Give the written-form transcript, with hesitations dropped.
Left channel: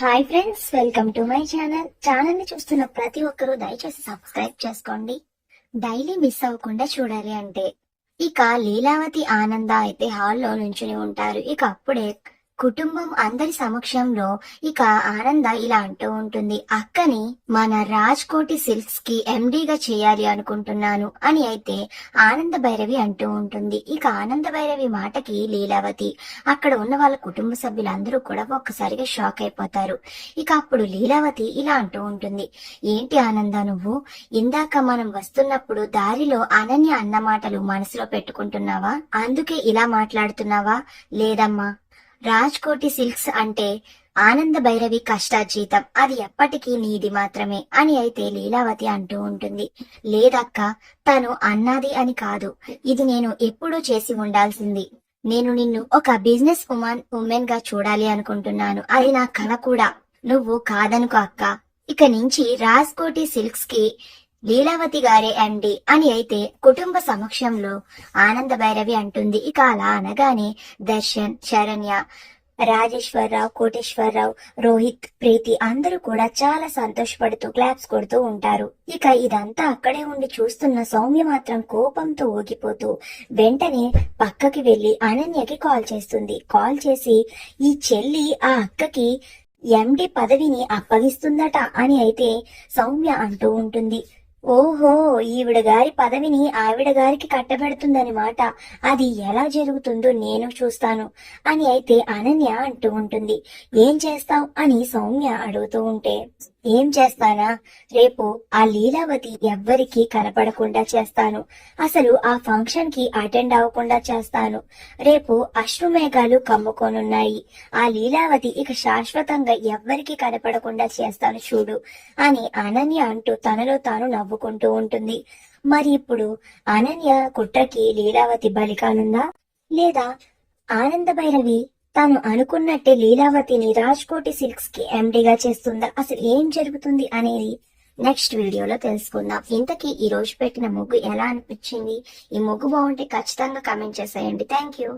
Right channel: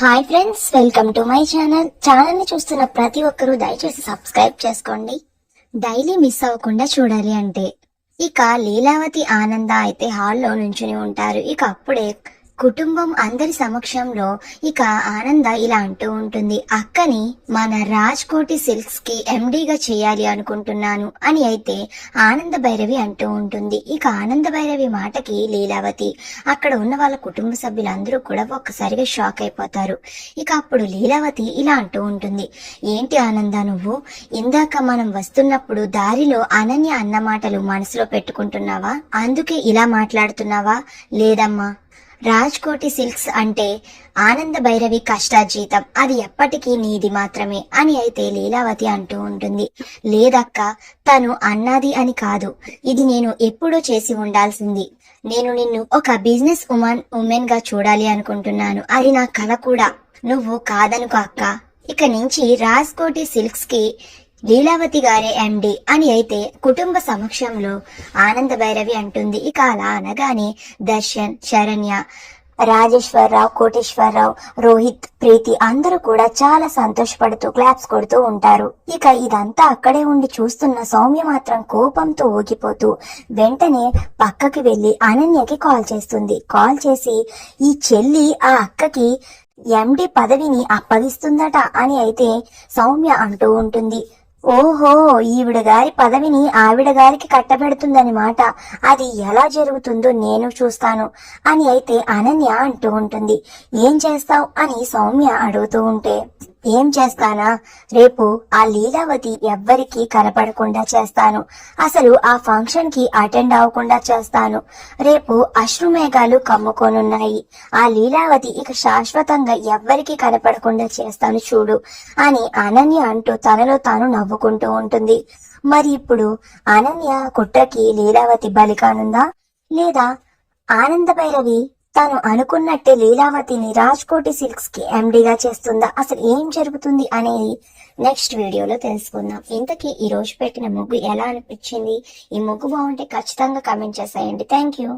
Hi friends, welcome to my channel ని చూస్తున్న ప్రతి ఒక్కరూ దయచేసి సబ్స్క్రైబ్ చేసుకోండి. డైలీ మిస్ అవ్వకుండా చూడాలి అంటే ఇక లీలావతి ఆనంద అయితే హాల్లో నుంచుని ఉంటారు. ఇక అప్పుడే కుటుంబం అందరి సమక్షంలో ఇక ఆనంద ఇలా అంటూ ఉంటుంది, అక్కని మన రాజ్కోటి సిల్క్స్ కి ఎండీగా చేయాలి అనుకుంటున్నాను అని అయితే ఆనంద భైరవి అంటూ ఉంటుంది. ఇక ఆనంద భైరవి మాటకి లీలావతి అక్కడ ఉన్న వాళ్ళ కుటుంబ సభ్యులందరూ కూడా ఒక్కసారిగా షాక్ అయిపోతారు. ఇక అప్పుడు లీలావతి ఇలా అంటూ ఉంటుంది, ఏంటి ఆనంద, నువ్వు ఇందాక మనం వస్తున్నప్పుడు దారిలో అనన్య అన్న మాటలు మనసులో పెట్టుకుంటున్నావా? అందుకే ఇలా మాట్లాడుతున్నావా? లేదమ్మా, రాజ్కోటి సిల్క్స్ అంటే ఆనంద భైరవి కష్టార్జితం, అది ఎప్పటికీ నీది మాత్రమే అని అయితే లీలావతి అంటూ ఉంటుంది. లేదక్క, తను అన్నది అని కాదు, ఇది నేను ఎప్పుడూ చేసి ఉండాల్సింది. నేను నిన్ను ఒక బిజినెస్ ఉమెన్ గా చూడాలి అనుకుంటున్నాను, అది నా కల కూడా. నువ్వు కాదనుకో అక్క, ఇక నుంచి రాజ్కోటి సిల్క్స్ కి లీలావతి గారే ఎండి అని అయితే కుటుంబ సమక్షంలో ఆనంద భైరవి అంటుంది. ఇక అలా అనగానే దర్శన్, శరణ్య, రాజేశ్వరరావు, కోటేశ్వరరావు, రోహిత్, ప్రీతి అందరూ కూడా చాలా సంతోషపడుతూ క్లాప్స్ కొడుతూ ఉంటారు. ఇక ఇదంతా అక్కడే ఉండి చూస్తున్న సౌమ్య మాత్రం కోపంతో ఊగిపోతూ వెంటనే పక్కకి వెళ్లి అనన్యకి కాల్ చేస్తుంది. కాల్ చేసి ఈ చెల్లి ఆ అక్కకి ఎండి పదవిని అప్పగిస్తుందట అని అయితే సౌమ్య అంటూ ఉంటుంది. ఓహో, ఈవిడ గారి పదవిని ఆవిడ గారికి కట్టబెడుతుందని మాట. అది ఎలా జరుగుతుందో నేను చూస్తాను అని అయితే అనన్య అంటూ ఉంటుంది. ఏం చేస్తావు అని సౌమ్య అడుగుతూ ఉంటే, ఏం చేస్తానా, రేపు ఆ లీలావతి ఎవ్వరికి కనపడకుండా చేస్తాను. అసలు ఆ ఫంక్షన్ కి అటెండ్ అవ్వకుండా చేస్తాను. రేపు అశ్రుమేఘాలు కమ్ముకోనున్నాయి. ఆ లీలావతి ఇక శాశ్వతంగా ఎవ్వరికి కనపడకుండా చేస్తాను చూడు అని అనన్య అంటూ తనలో తాను నవ్వుకుంటూ ఉంటుంది. మరి ఇప్పుడు అనన్య కుట్రకి లీలావతి బలికానుందా, లేదా ఆనంద భైరవి తాను అనుకున్నట్టే లీలావతిని రాజ్కోటి సిల్క్స్ కి ఎండీగా చేస్తుందా? అసలు ఏం జరుగుతుంది అనేది నెక్స్ట్ వీడియోలో తెలుసుకుందాం. ఇంతకీ ఈ రోజు పెట్టిన ముగ్గు ఎలా అనిపించింది? ఈ ముగ్గు బాగుంటే ఖచ్చితంగా కామెంట్ చేసేయండి. Thank you.